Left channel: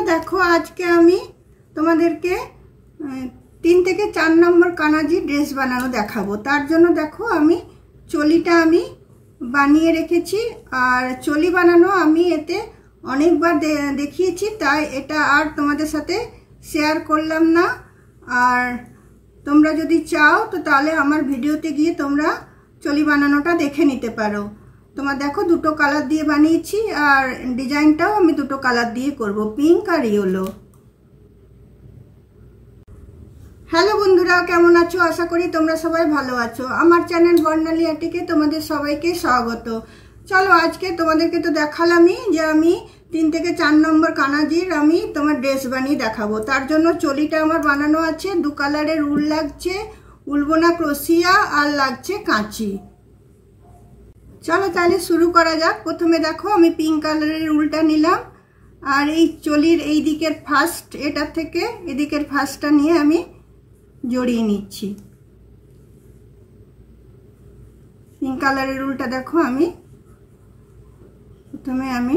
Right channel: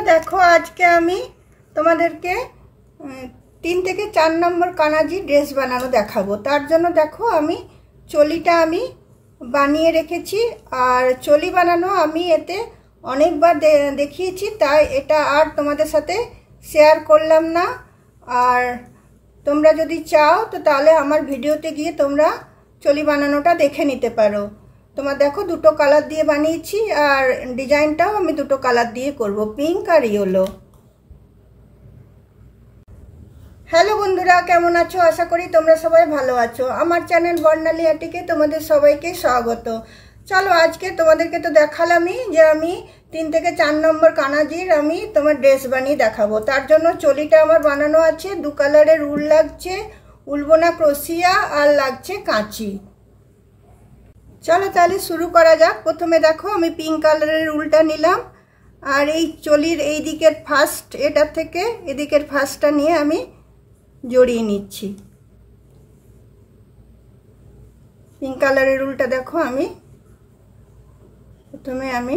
বন্ধুরা দেখো আজকে আমি তোমাদেরকে 3 থেকে 4 নম্বর কানাজি ড্রেস বানানো দেখাবো। তার জন্য দেখো আমি চলিটা আমি বানিয়ে রেখেছি, আর চলি বানানো আমি এতে অনেকবার দেখিয়েছি, তাই এটা আর তোমাদের সাথে শেয়ার করলাম না। আর তোমরা যদি চাও তো তাহলে আমার ভিডিওতে গিয়ে তোমরা চলি বানানোটা দেখে নিতে পারো। তোমার দেখো দুটো কালার দিয়ে বানিয়েছি, আর ডিজাইনটাও আমি দুটো কালার দিয়ে করব, পিঙ্ক আর ইয়েলো। হ্যালো বন্ধুরা, কেমন আছো? আশা করি তোমরা সবাই ভালো আছো। আমার চ্যানেল বর্ণালী আর্টিকে তোমাদের সবাইকে স্বাগত। চলো আজকে তোমাদেরকে তো দেখালামই যে আমি 3 থেকে 4 নম্বর কানাজির আমি তোমার ড্রেস বানিয়ে দেখাবো। তার জন্য চলিটা আমার বানানো আছে, 2 কালারের উল লাগছে, উলবোনা ক্রোশিয়া, আর লাগছে কাঁচি। চলো তাহলে শুরু করা যাক। প্রথমে দেখো আমি পিঙ্ক কালারের উলটা নিলাম, আর এই চলির এই দিকের ফার্স্ট এটা থেকে এদিকের ফার্স্টটা নিয়ে আমি জড়িয়ে নিচ্ছি। পিঙ্ক কালারের উলটা দেখো আমি প্রথমে আমি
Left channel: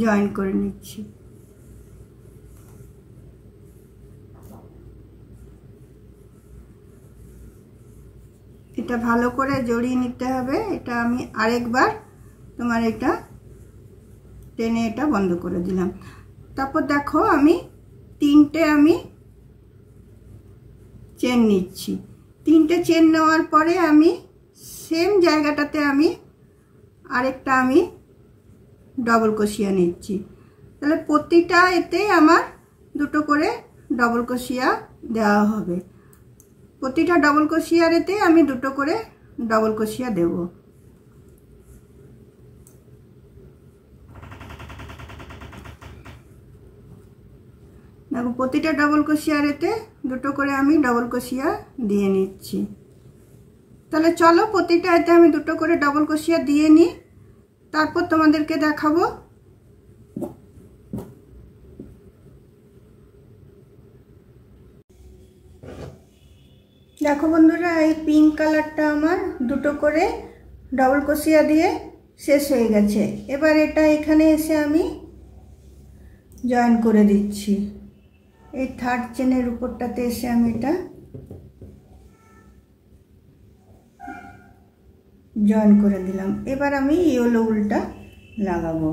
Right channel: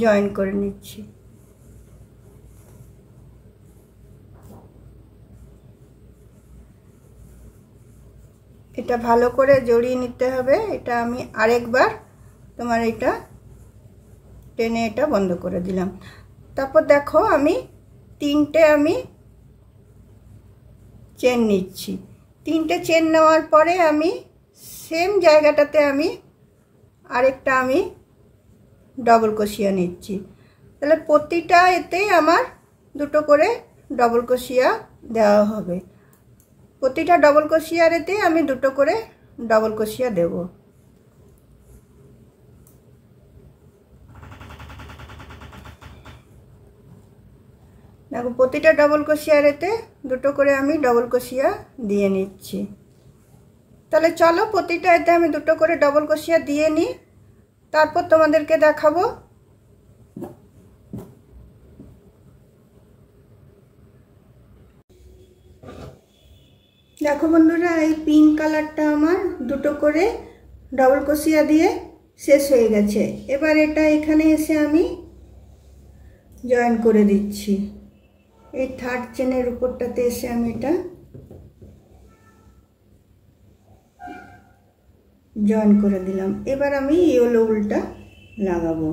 জয়েন করে নিচ্ছি। এটা ভালো করে জড়িয়ে নিতে হবে। এটা আমি আরেকবার তোমার এটা টেনে এটা বন্ধ করে দিলাম। তারপর দেখো আমি 3টে আমি চেন নিচ্ছি। 3টে চেন নেওয়ার পরে আমি সেম জায়গাটাতে আমি আরেকটা আমি ডবল ক্রোশিয়া নিচ্ছি। তাহলে প্রতিটা এতেই আমার দুটো করে ডবল ক্রোশিয়া দেওয়া হবে। প্রতিটা ডবল ক্রোশিয়ার এতে আমি দুটো করে ডবল ক্রোশিয়া দেব। দেখো প্রতিটা ডবল ক্রোশিয়ার এতে দুটো করে আমি ডবল ক্রোশিয়া দিয়ে নিচ্ছি। তাহলে চলো প্রতিটা এতে আমি দুটো করে ডবল ক্রোশিয়া দিয়ে নিই, তারপর তোমাদেরকে দেখাবো। দেখো বন্ধুরা, এই পিঙ্ক কালারটা আমার দুটো করে ডবল ক্রোশিয়া দিয়ে শেষ হয়ে গেছে। এবার এটা এখানে এসে আমি জয়েন করে দিচ্ছি। এই থার্ড চেনের উপরটাতে এসে আমি এটা জয়েন করে দিলাম। এবার আমি ইয়েলো উলটা লাগাবো।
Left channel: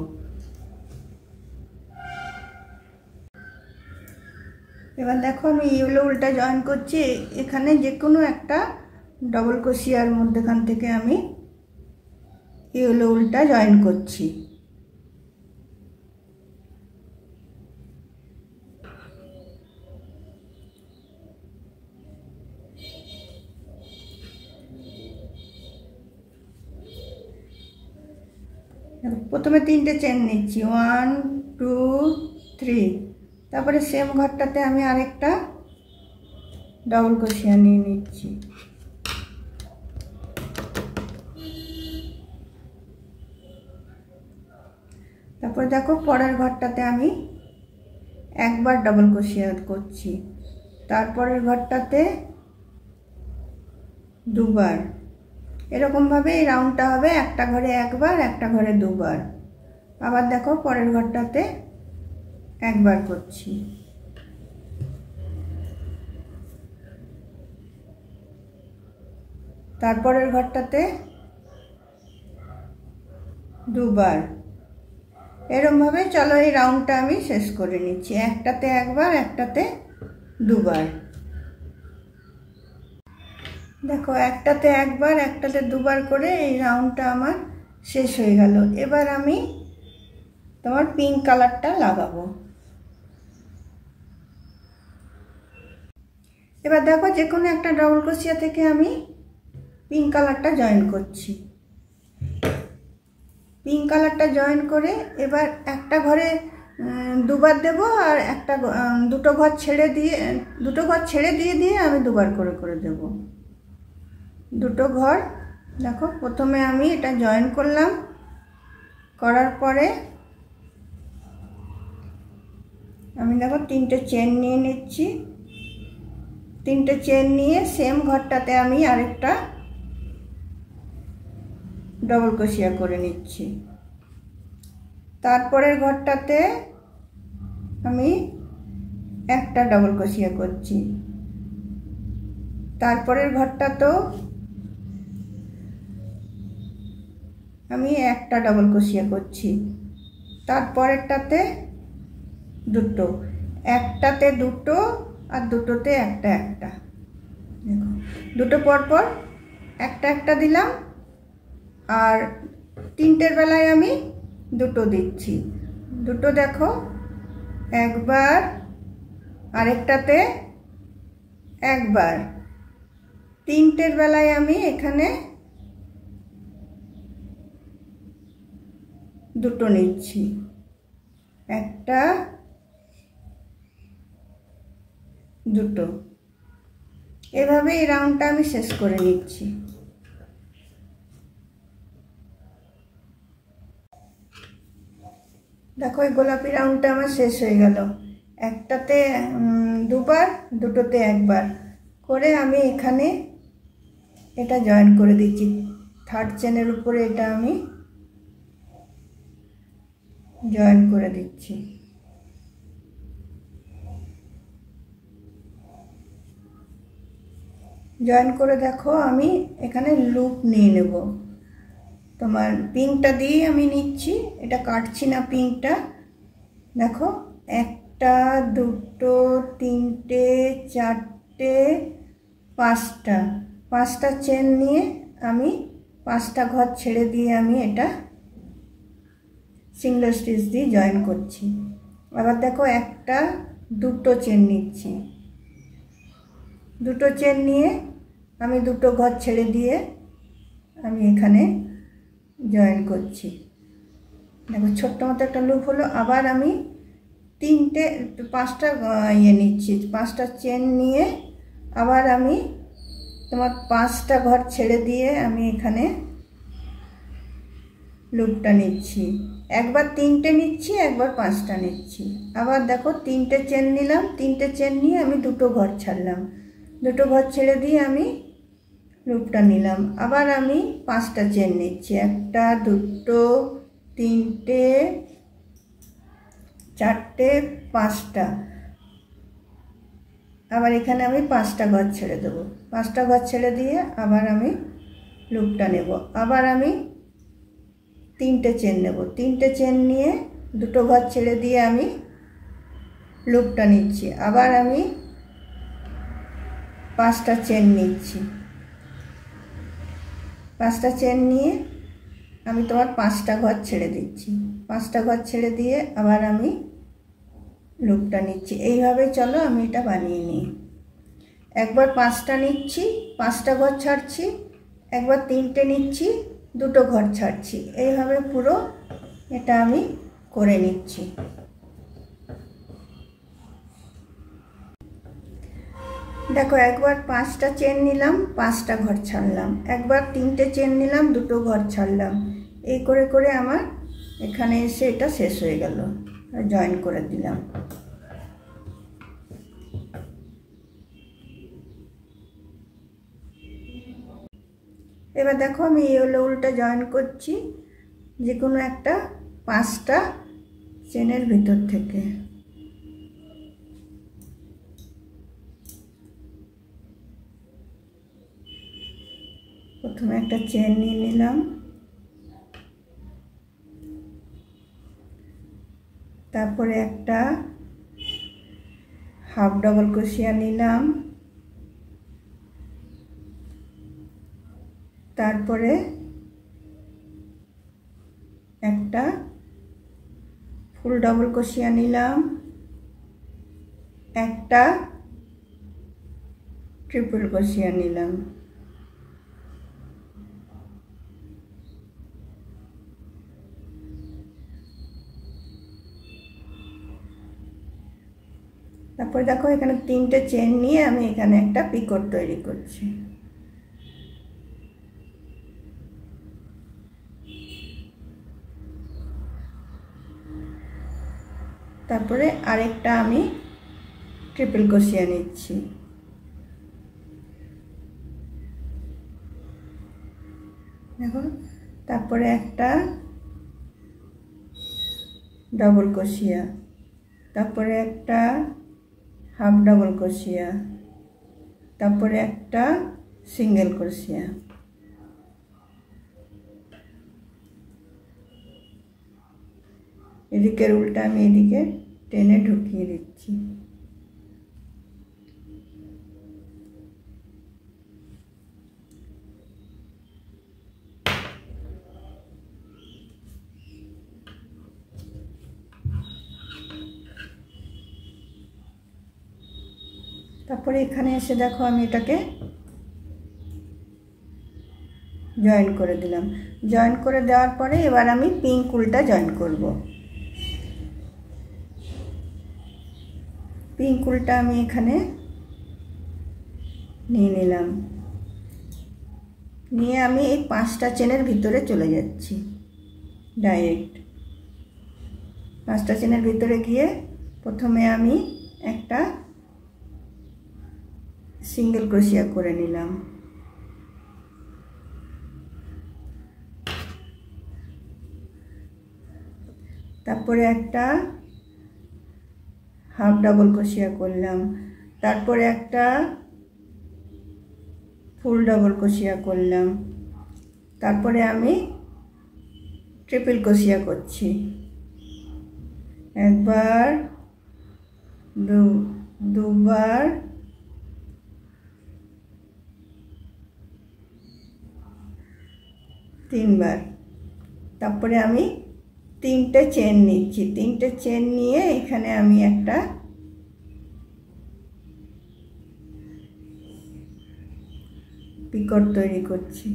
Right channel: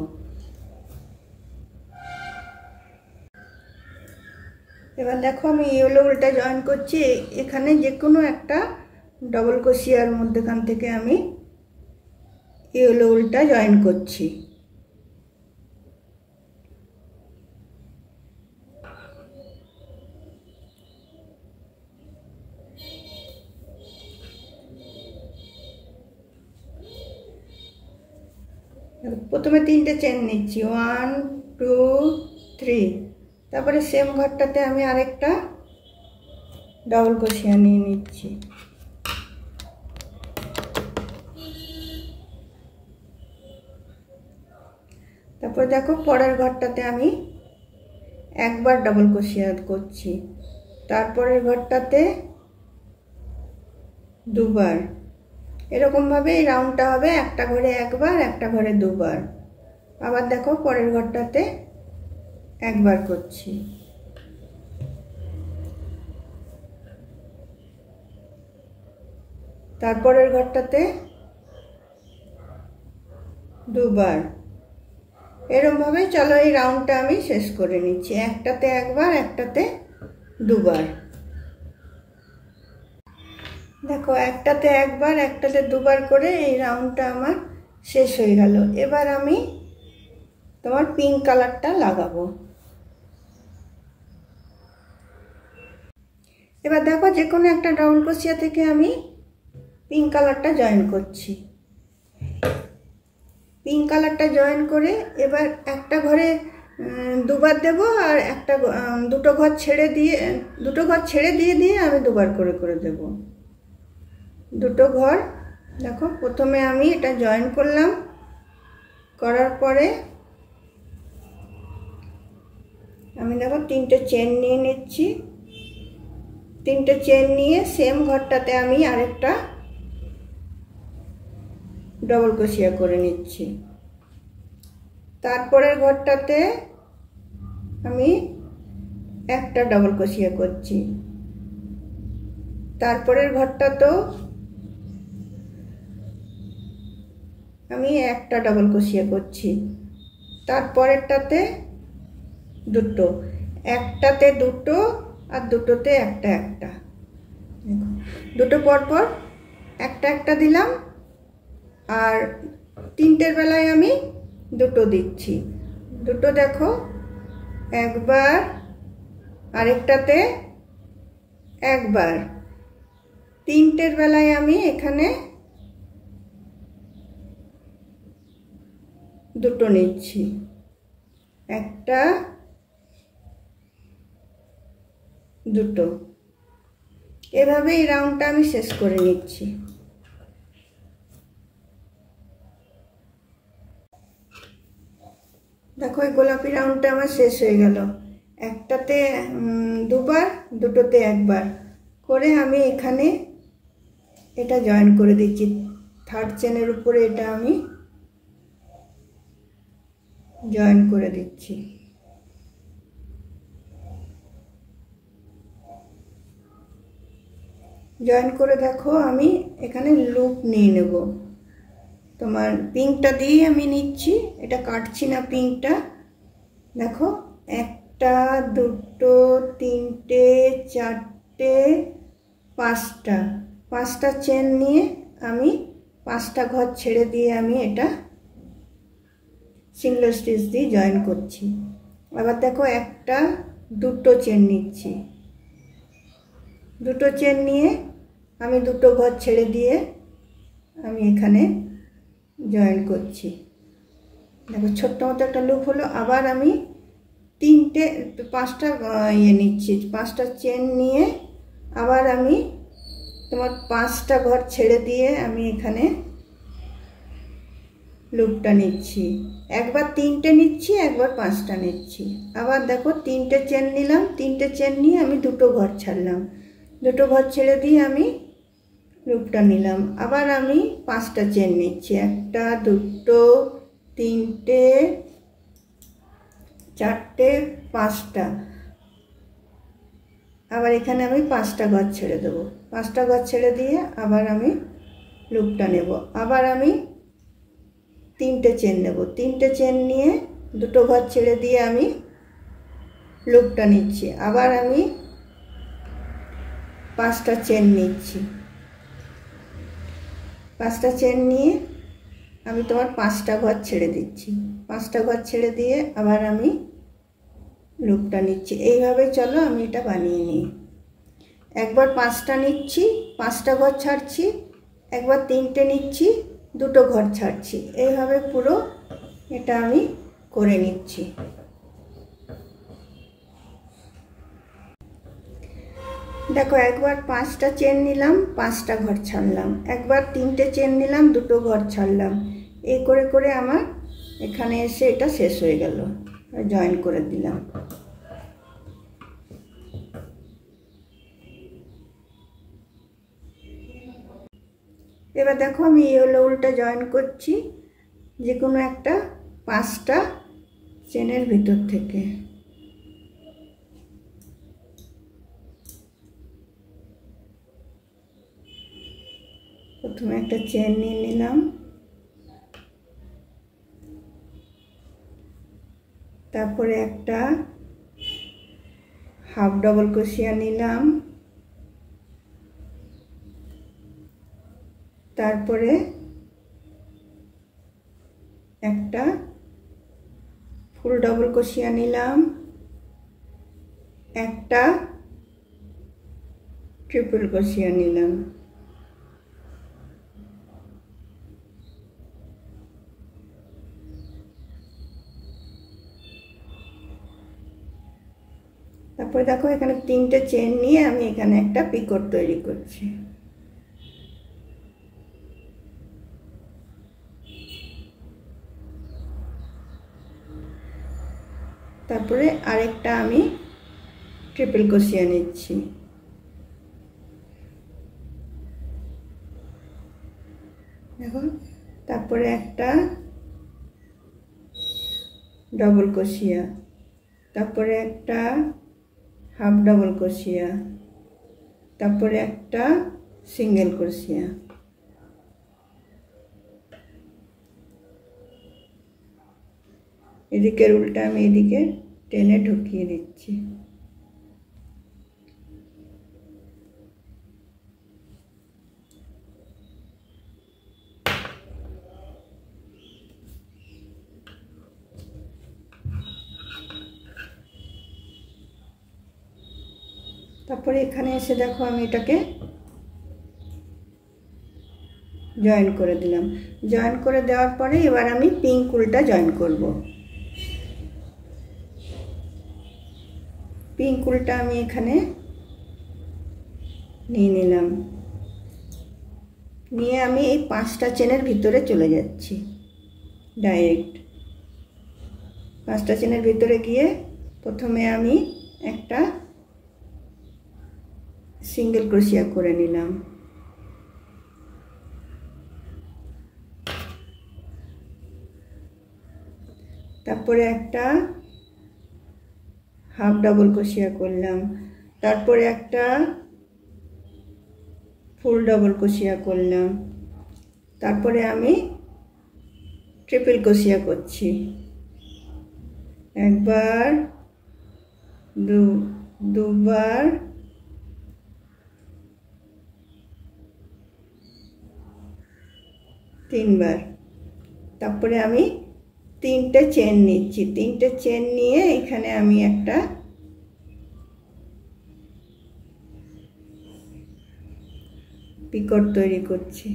এবার দেখো আমি ইয়েলো উলটা জয়েন করছি। এখানে যে কোনো একটা ডবল ক্রোশিয়ার মধ্যখান থেকে আমি ইয়েলো উলটা জয়েন করছি। প্রথমে 3টে চেন নিচ্ছি, 1 2 3। তারপরে সেম ঘরটাতে আমি আরেকটা ডবল ক্রোশিয়া নিয়ে নিচ্ছি। তারপর দেখো পরের ঘরটাতে আমি একবার ডবল ক্রোশিয়া করছি, তারপরের ঘরটাতে দুবার। এরকম ভাবে এই রাউন্ডটা হবে, একটা ঘরে একবার, একটা ঘরে দুবার। আবার দেখো পরের ঘরটাতে একবার করছি। তারপরের ঘরটাতে দুবার। এরকম ভাবে চলো এই রাউন্ডটা আমি শেষ করে নিচ্ছি, একটাতে একবার, একটাতে দুবার। দেখো একটাতে একবার, একটাতে দুবার করে এই রাউন্ডটা আমার শেষ হয়ে গেল। এবার আমি তোমার পিঙ্ক কালারটা লাগাবো। এবার দেখো যে কোনো একটা ডবল ক্রোশিয়া থেকে আমি পিঙ্ক কালারটা জয়েন করছি। পিঙ্ক কালারটা জয়েন করে এবার একটা ঘরে দুবার দেব, আর একটা দুটো ঘর ছেড়ে দিয়ে দিয়ে আমি দুবার করে করে দেব। দুটো ঘর দেখো প্রথমে আমি এটা জয়েন করলাম, করার পরে আমি দেখো 3টে চেন নিয়ে নিচ্ছি। 3টে চেন নিয়ে সেম ঘরটাতে আমি আরেকটা ডবল ক্রোশিয়া করে নিচ্ছি। তারপরের ঘরটাতে আমি একটা ডবল ক্রোশিয়া করছি, তারপরের ঘরটাতেও আমি একটা ডবল ক্রোশিয়া করছি, তারপরেরটাতে দুটো, একটাতে দুটো আর দুটোতে একটা একটা, দেখো দুটো পরপর একটা একটা দিলাম, আর তিনটের বেলায় আমি দুটো দিচ্ছি, দুটো দেখো একবার, আরেকটাতে একবার, তিনটের বেলায় আমি এখানে দুটো নিচ্ছি, একটা দুটো, এভাবে এই রাউন্ডটা আমি শেষ করে নিচ্ছি। দেখো এই গোলাপি রাউন্ডটা আমার শেষ হয়ে গেল, একটাতে দুবার, দুটোতে একবার করে আমি এখানে এটা জয়েন করে দিচ্ছি, থার্ড চেনের উপরে এটা আমি জয়েন করে দিচ্ছি। জয়েন করে দেখো আমি এখানে লুপ নিয়ে নেব, তোমার পিঙ্কটা দিয়ে আমি নিচ্ছি, এটা কাটছি না পিঙ্কটা। দেখো একটা দুটো তিনটে চারটে পাঁচটা, পাঁচটা চেন নিয়ে আমি পাঁচটা ঘর ছেড়ে দিয়ে আমি এটা সিঙ্গেল স্টিচ দিয়ে জয়েন করছি। আবার দেখো একটা দুটো চেন নিচ্ছি, দুটো চেন নিয়ে আমি দুটো ঘর ছেড়ে দিয়ে আমি এখানে জয়েন করছি। দেখো ছোট্ট মতো একটা লুপ হলো, আবার আমি পাঁচটা নিচ্ছি, পাঁচটা চেন নিয়ে আবার আমি তোমার পাঁচটা ঘর ছেড়ে দিয়ে আমি এখানে লুপটা নিচ্ছি, একবার তিনটে নিচ্ছি, একবার পাঁচটা নিচ্ছি, আবার দেখো তিনটে চেন নিলাম, তিনটে চেন নিয়ে আমি দুটো ঘর ছাড়লাম, দুটো ঘর ছেড়ে দিয়ে আমি লুপটা নিলাম, আবার আমি পাঁচটা চেন নিচ্ছি, একটা দুটো তিনটে চারটে পাঁচটা, আবার এখানে আমি পাঁচটা ঘর ছেড়ে দেবো, পাঁচটা ঘর ছেড়ে দিয়ে আবার আমি লুপটা নেব, আবার আমি তিনটে চেন নেব, তিনটে চেন নিয়ে দুটো ঘর ছেড়ে দিয়ে আমি লুপটা নিচ্ছি, আবার আমি পাঁচটা চেন নিচ্ছি, পাঁচটা চেন নিয়ে আমি তোমার পাঁচটা ঘর ছেড়ে দিচ্ছি, পাঁচটা ঘর ছেড়ে দিয়ে আবার আমি লুপটা নিচ্ছি। এইভাবে চলো আমি এটা বানিয়ে নিই, একবার পাঁচটা নিচ্ছি, পাঁচটা ঘর ছাড়ছি, একবার তিনটে নিচ্ছি, দুটো ঘর ছাড়ছি, এইভাবে পুরো এটা আমি করে নিচ্ছি। দেখো একবার পাঁচটা চেন নিলাম, পাঁচটা ঘর ছাড়লাম, একবার তিনটে চেন নিলাম, দুটো ঘর ছাড়লাম, এই করে করে আমার এখানে এসে এটা শেষ হয়ে গেল, জয়েন করে দিলাম। এবার দেখো আমি এই হলো উল্টা জয়েন করছি, যে কোনো একটা পাঁচটা চেনের ভিতর থেকে, প্রথমে একটা চেন নিয়ে নিলাম, তারপরে একটা হাফ ডবল ক্রোশিয়া নিলাম, তারপরে একটা ফুল ডবল ক্রোশিয়া নিলাম, একটা ট্রিপল ক্রোশিয়া নিলাম, তারপরে দেখো এখানে তিনটে চেন নিয়ে আমি এখানে একটা পিকট তৈরি করছি। তারপরে আরেকটা আমি ট্রিপল ক্রোশিয়া নিচ্ছি, দেখো তারপরে একটা डबल क्रोशिया, तारपरे एकटा हाफ डबल क्रोशिया, तारपरे एकटा सिंगल क्रोशिया। एदिके उल्टा आमि एदिके टेने ढुकिए दिচ্ছি। তারপরে এখানে এসে দেখো আমি এটাকে জয়েন করে দিলাম। জয়েন করে দেওয়ার পরে এবার আমি পিঙ্ক উলটা জয়েন করব। পিঙ্ক উলটা আমি এখানে নিয়ে নিলাম, নিয়ে আমি এই 5টা চেনের ভিতরে চলে যাচ্ছি ডাইরেক্ট। 5টা চেনের ভিতরে গিয়ে প্রথমে আমি একটা सिंगल क्रोशिया करे निलाम, तारपरे एकटा हाफ डबल क्रोशिया करलाम, तारपरे एकटा फुल डबल क्रोशिया करलाम, तारपरे आमी ट्रिपल क्रोशिया करछि। एकबार दुबार तीन बार, तारपरे आमी 3टे चेन निচ্ছি। 3टे चेन निয়ে এখানে আমি একটা পিকট তৈরি করছি।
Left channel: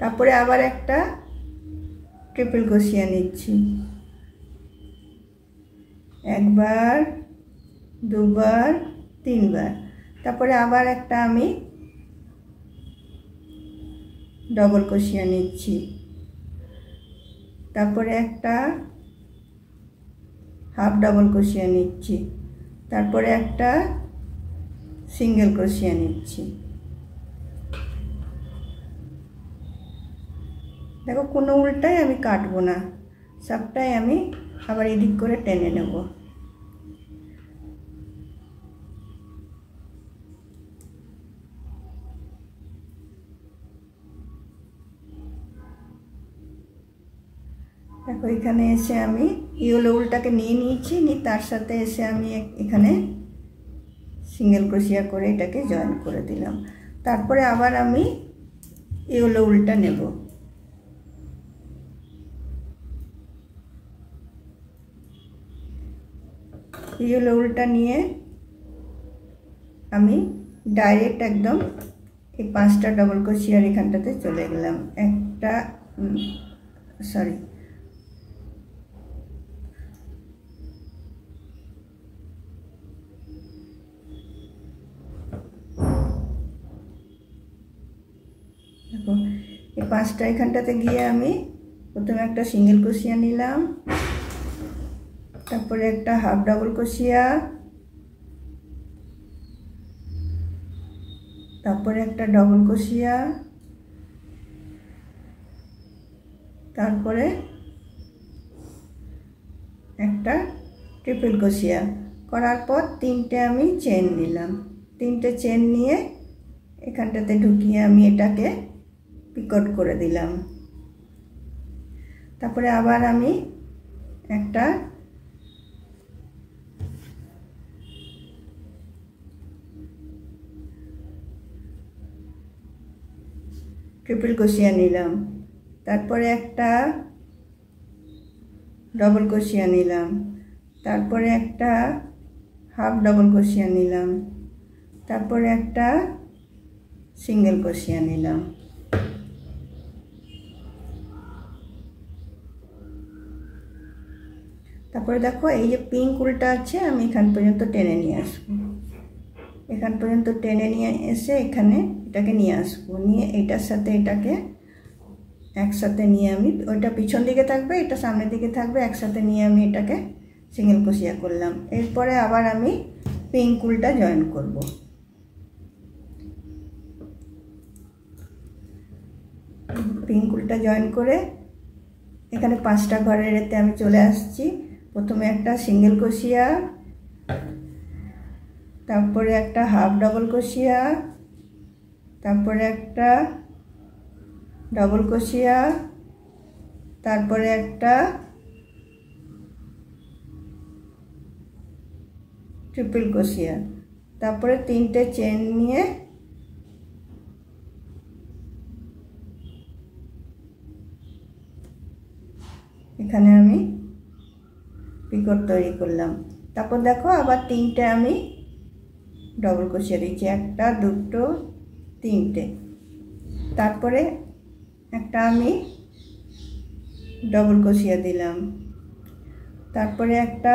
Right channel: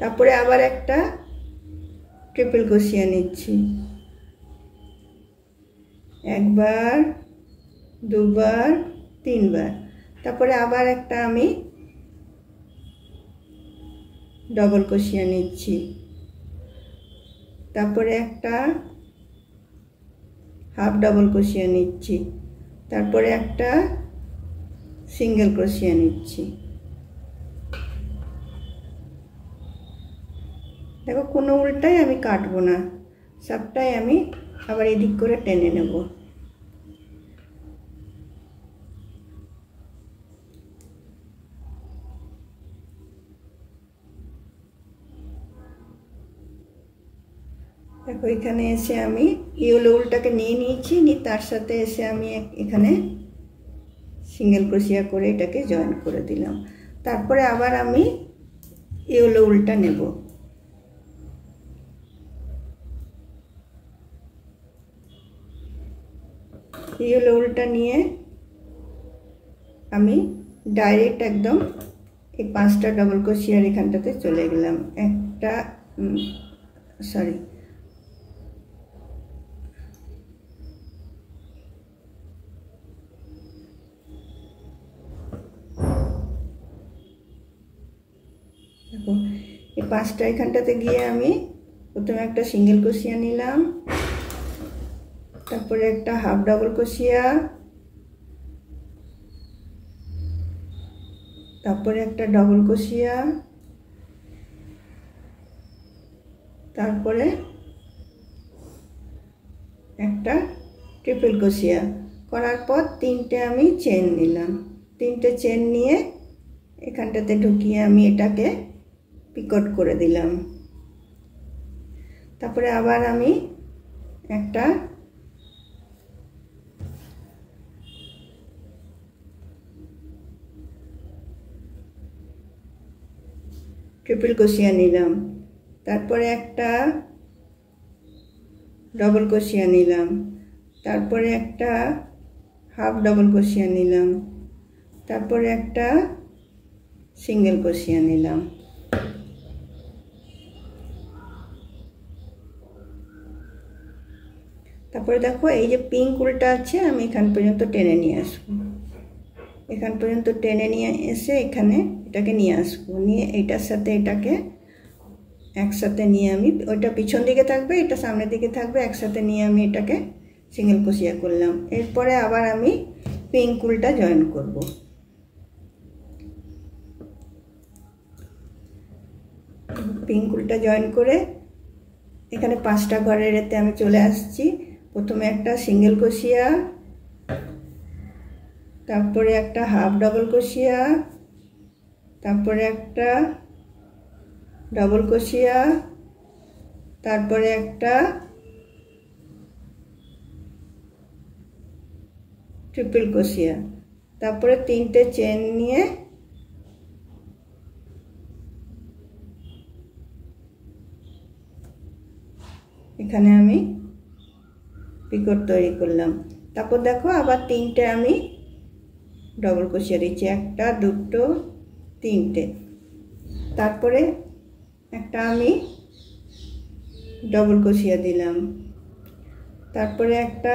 তারপরে আবার একটা ট্রিপল ক্রোশিয়া নিচ্ছি, একবার দুবার তিনবার, তারপরে আবার একটা আমি डबल क्रोशिया निচ্ছি, তারপরে একটা हाफ डबल क्रोशिया निচ্ছি, তারপরে একটা सिंगल क्रोशिया निচ্ছি। देखो কোনো উল্টাই আমি কাটবো না, সবটাই আমি আবার এদিক করে টেনে নেব। देखो এখানে এসে আমি ইয়েলো উলটাকে নিয়ে নিয়েছি, নি তার সাথে এসে আমি এখানে সিঙ্গেল ক্রোশিয়া করে এটাকে জয়েন করে দিলাম। তারপরে আবার আমি ইয়েলো উলটা নেব, ইয়েলো উলটা নিয়ে আমি ডাইরেক্ট একদম এই 5টা ডবল ক্রোশিয়ার এখানটাতে চলে গেলাম। একটা সরি দেখো এই 5টা এখানটাতে গিয়ে আমি প্রথমে একটা সিঙ্গেল ক্রোশিয়া নিলাম, তারপরে একটা হাফ ডাবল ক্রোশিয়া, তারপরে একটা ডবল ক্রোশিয়া, তারপরে একটা ট্রিপল ক্রোশিয়া করার পর 3টে আমি চেন নিলাম। 3টে চেন নিয়ে এখানটাতে ঢুকিয়ে আমি এটাকে পিকট করে দিলাম। তারপরে আবার আমি একটা ट्रिपल क्रोशिया निलाम, तारपरे एकटा डबल क्रोशिया निलाम, तारपरे एकटा हाफ डबल क्रोशिया निलाम, तारपरे एकटा सिंगल क्रोशिया निलाम। তারপরে দেখো এই যে পিঙ্ক উলটা আছে আমি এখান পর্যন্ত টেনে নিয়ে আসবো, এখান পর্যন্ত টেনে নিয়ে এসে এখানে এটাকে নিয়ে আসবো, নিয়ে এটার সাথে এটাকে একসাথে নিয়ে আমি ওটা পিছন দিকে থাকবে এটা সামনের দিকে থাকবে, একসাথে নিয়ে আমি এটাকে সিঙ্গেল ক্রোশিয়া করলাম। এরপরে আবার আমি পিঙ্ক উলটা জয়েন করব। উল্টা জয়েন করে এখানে 5টা ঘরের এতে আমি চলে আসছি। প্রথমে একটা সিঙ্গেল ক্রোশিয়া, তারপরে একটা হাফ ডাবল ক্রোশিয়া, তারপরে একটা ডাবল ক্রোশিয়া, তারপরে একটা ট্রিপল ক্রোশিয়া, তারপরে 3টে চেন নিয়ে এখানে আমি পিকট তৈরি করলাম। তারপর দেখো আবার 3টে আমি ডবল ক্রোশিয়া দিচ্ছি, 1টা 2টো 3টে, তারপরে একটা আমি ডবল ক্রোশিয়া দিলাম, তারপরে একটা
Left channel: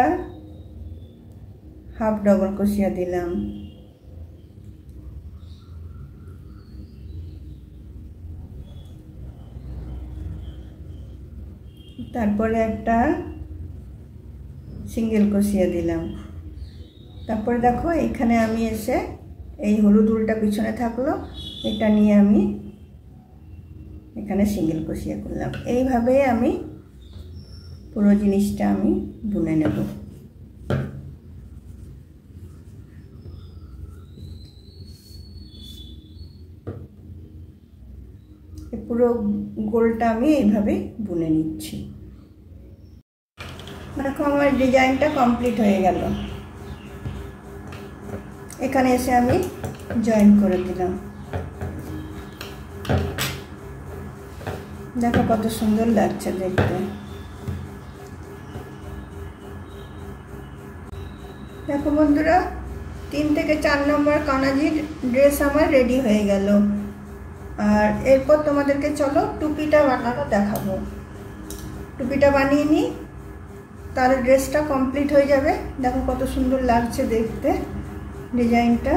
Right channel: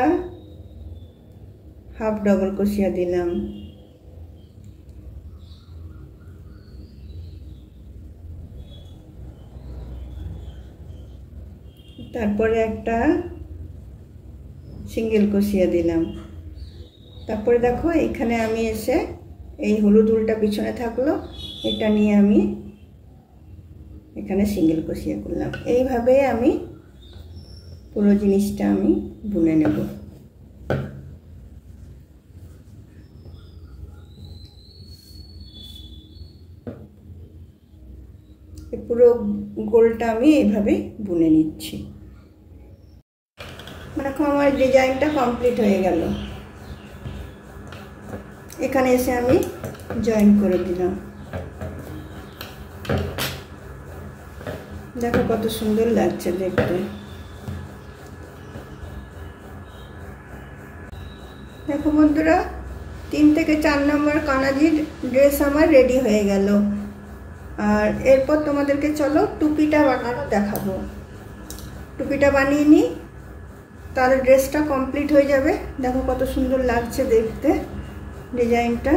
হাফ ডবল ক্রোশিয়া দিলাম, তারপরে একটা সিঙ্গেল ক্রোশিয়া দিলাম। তারপরে দেখো এখানে আমি এসে এই হলুদ উলটা পিছনে থাকলো, এটা নিয়ে আমি এখানে সিঙ্গেল ক্রোশিয়া করলাম। এইভাবে আমি পুরো জিনিসটা আমি বুনে নেব। পুরো গোলটা আমি এইভাবে বুনে নিচ্ছি। দেখো আমার ডিজাইনটা কমপ্লিট হয়ে গেল। এখানে এসে আমি জয়েন করে দিলাম। দেখো কত সুন্দর লাগছে দেখতে। দেখো বন্ধুরা, 3 থেকে 4 নম্বর কানাজির ড্রেস আমার রেডি হয়ে গেল। আর এরপর তোমাদেরকে চলো টুপিটা বানানো দেখাবো। টুপিটা বানিয়ে নিই, তাহলে ড্রেসটা কমপ্লিট হয়ে যাবে। দেখো কত সুন্দর লাগছে দেখতে ডিজাইনটা।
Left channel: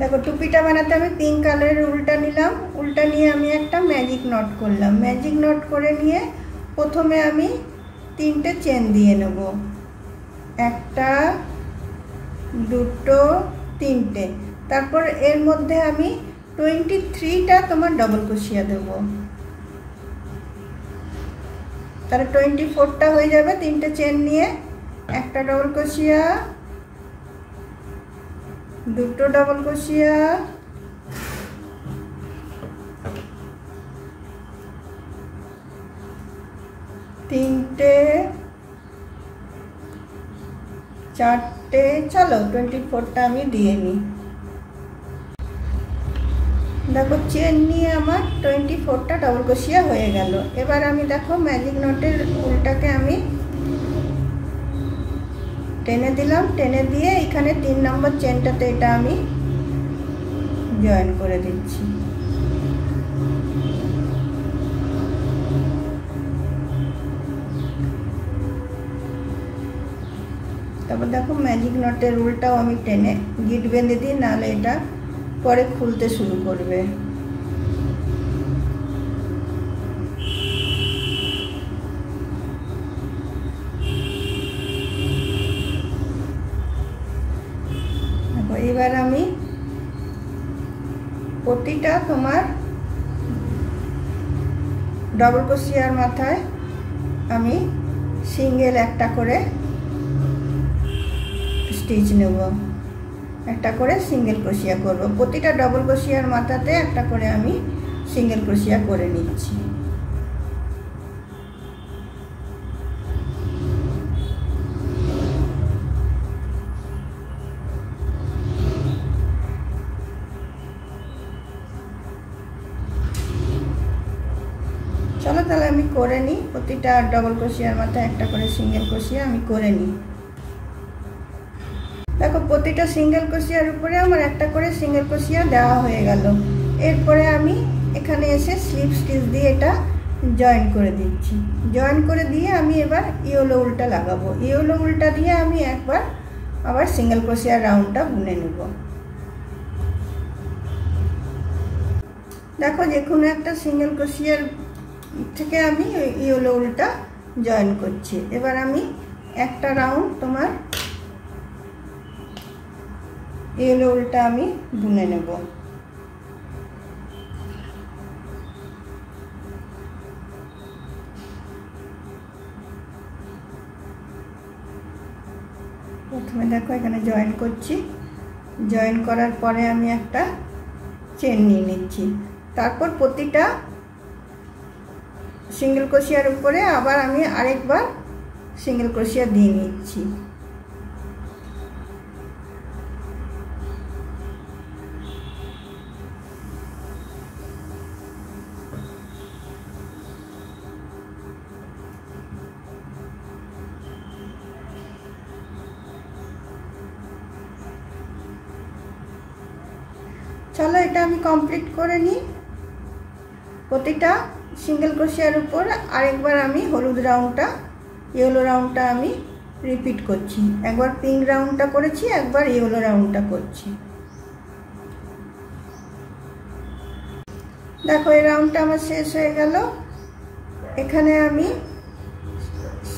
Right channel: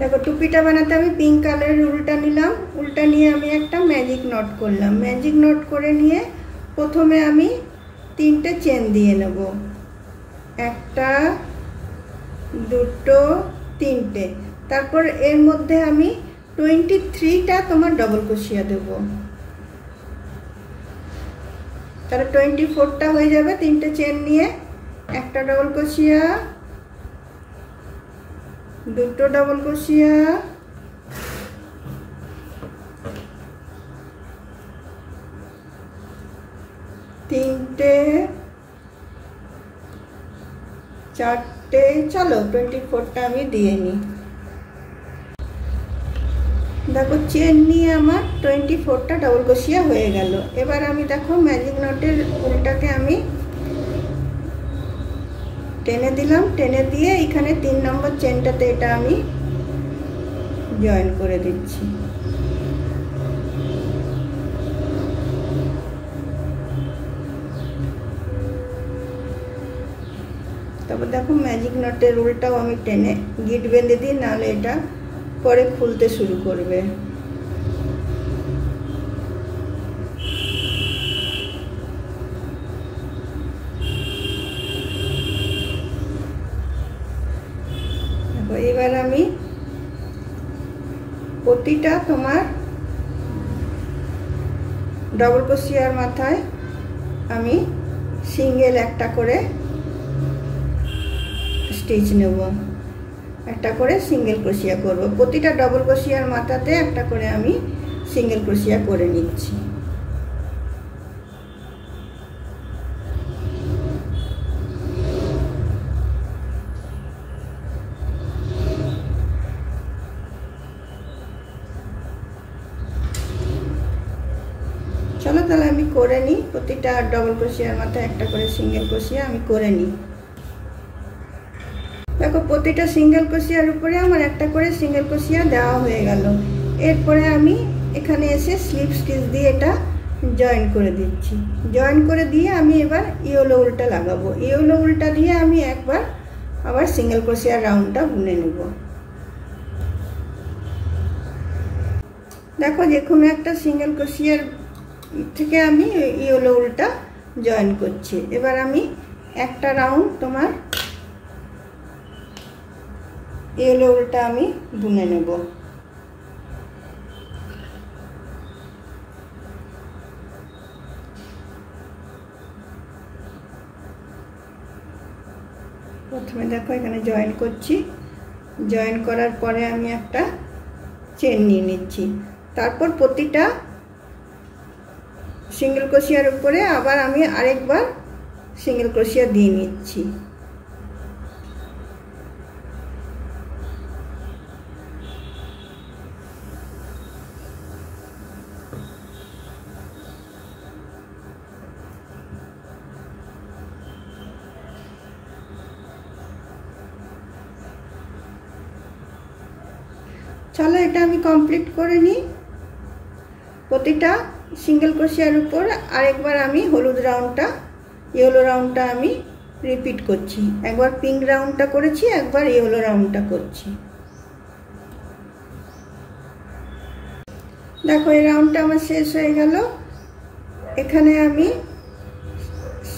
দেখো টুপিটা বানাতে আমি পিঙ্ক কালারের উলটা নিলাম। উলটা নিয়ে আমি একটা ম্যাজিক নট করলাম। ম্যাজিক নট করে নিয়ে প্রথমে আমি 3টে চেন দিয়ে নেব, 1টা 2টো 3টে। তারপর এর মধ্যে আমি 23টা তোমার ডবল ক্রোশিয়া দেব, তাহলে 24টা হয়ে যাবে। 3টে চেন নিয়ে একটা ডবল ক্রোশিয়া, 2টো ডবল ক্রোশিয়া, 3টে 4টে, চলো 24টা আমি দিয়ে নিই। দেখো চেন নিয়ে আমার 24টা ডবল ক্রোশিয়া হয়ে গেল। এবার আমি দেখো ম্যাজিক নটের উলটাকে আমি টেনে দিলাম। টেনে দিয়ে এখানে 3 নম্বর চেনটাতে এটা আমি জয়েন করে দিচ্ছি। তারপর দেখো ম্যাজিক নটের উলটাও আমি টেনে গিট বেঁধে দিই, নাহলে এটা পরে খুলতে শুরু করবে। এবার আমি প্রতিটা তোমার ডবল ক্রোশিয়ার মাথায় আমি সিঙ্গেল একটা করে স্টিচ নেব, একটা করে সিঙ্গেল ক্রোশিয়া করব। প্রতিটা ডবল ক্রোশিয়ার মাথাতে একটা করে আমি সিঙ্গেল ক্রোশিয়া করে নিচ্ছি। চলো তাহলে আমি করে নিই। প্রতিটা ডবল ক্রোশিয়ার মাথায় একটা করে সিঙ্গেল ক্রোশিয়া আমি করে নিই। দেখো প্রতিটা সিঙ্গেল ক্রোশিয়ার উপরে আমার একটা করে সিঙ্গেল ক্রোশিয়া দেওয়া হয়ে গেল। এরপরে আমি এখানে এসে স্লিপ স্টিচ দিয়ে এটা জয়েন করে দিচ্ছি। জয়েন করে দিয়ে আমি এবার ইয়েলো উলটা লাগাবো। ইয়েলো উলটা দিয়ে আমি একবার আবার সিঙ্গেল ক্রোশিয়ার রাউন্ডটা বুনে নেব। দেখো যে কোনো একটা সিঙ্গেল ক্রোশিয়ার থেকে আমি ইয়েলো উলটা জয়েন করছি। এবার আমি একটা রাউন্ড তোমার ইয়েলো উলটা আমি বুনে নেব। প্রথমে দেখো এখানে জয়েন করছি, জয়েন করার পরে আমি একটা চেন নিয়ে নিচ্ছি। তারপর প্রতিটা সিঙ্গেল ক্রোশিয়ার উপরে আবার আমি আরেকবার সিঙ্গেল ক্রোশিয়া দিয়ে নিচ্ছি। চলো এটা আমি কমপ্লিট করে নিই। প্রতিটা সিঙ্গেল ক্রোশিয়ার উপর আরেকবার আমি হলুদ রাউন্ডটা, ইয়েলো রাউন্ডটা আমি রিপিট করছি। একবার পিঙ্ক রাউন্ডটা করেছি, একবার ইয়েলো রাউন্ডটা করছি। দেখো এই রাউন্ডটা আমার শেষ হয়ে গেল। এখানে আমি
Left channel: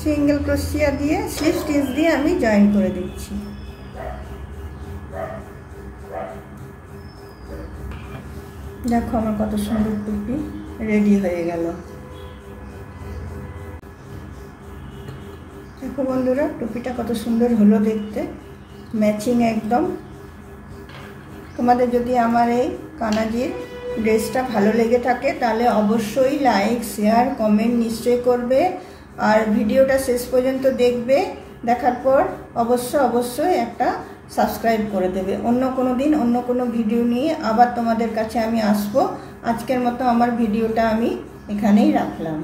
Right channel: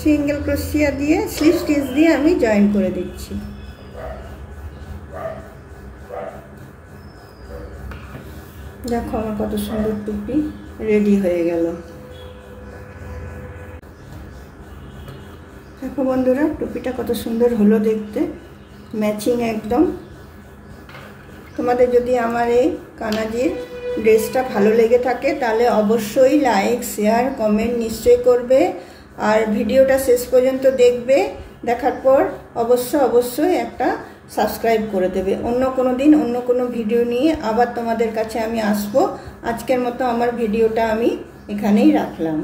সিঙ্গেল ক্রোশিয়া দিয়ে স্লিপ স্টিচ দিয়ে আমি জয়েন করে দিচ্ছি। দেখো আমার কত সুন্দর টুপি রেডি হয়ে গেল। দেখো বন্ধুরা টুপিটা কত সুন্দর হলো দেখতে, ম্যাচিং একদম। তোমাদের যদি আমার এই কানাজির ড্রেসটা ভালো লেগে থাকে তাহলে অবশ্যই লাইক, শেয়ার, কমেন্ট নিশ্চয়ই করবে। আর ভিডিওটা শেষ পর্যন্ত দেখবে, দেখার পর অবশ্যই একটা সাবস্ক্রাইব করে দেবে। অন্য কোনো দিন অন্য কোনো ভিডিও নিয়ে আবার তোমাদের কাছে আমি আসবো। আজকের মতো আমার ভিডিওটা আমি এখানেই রাখলাম।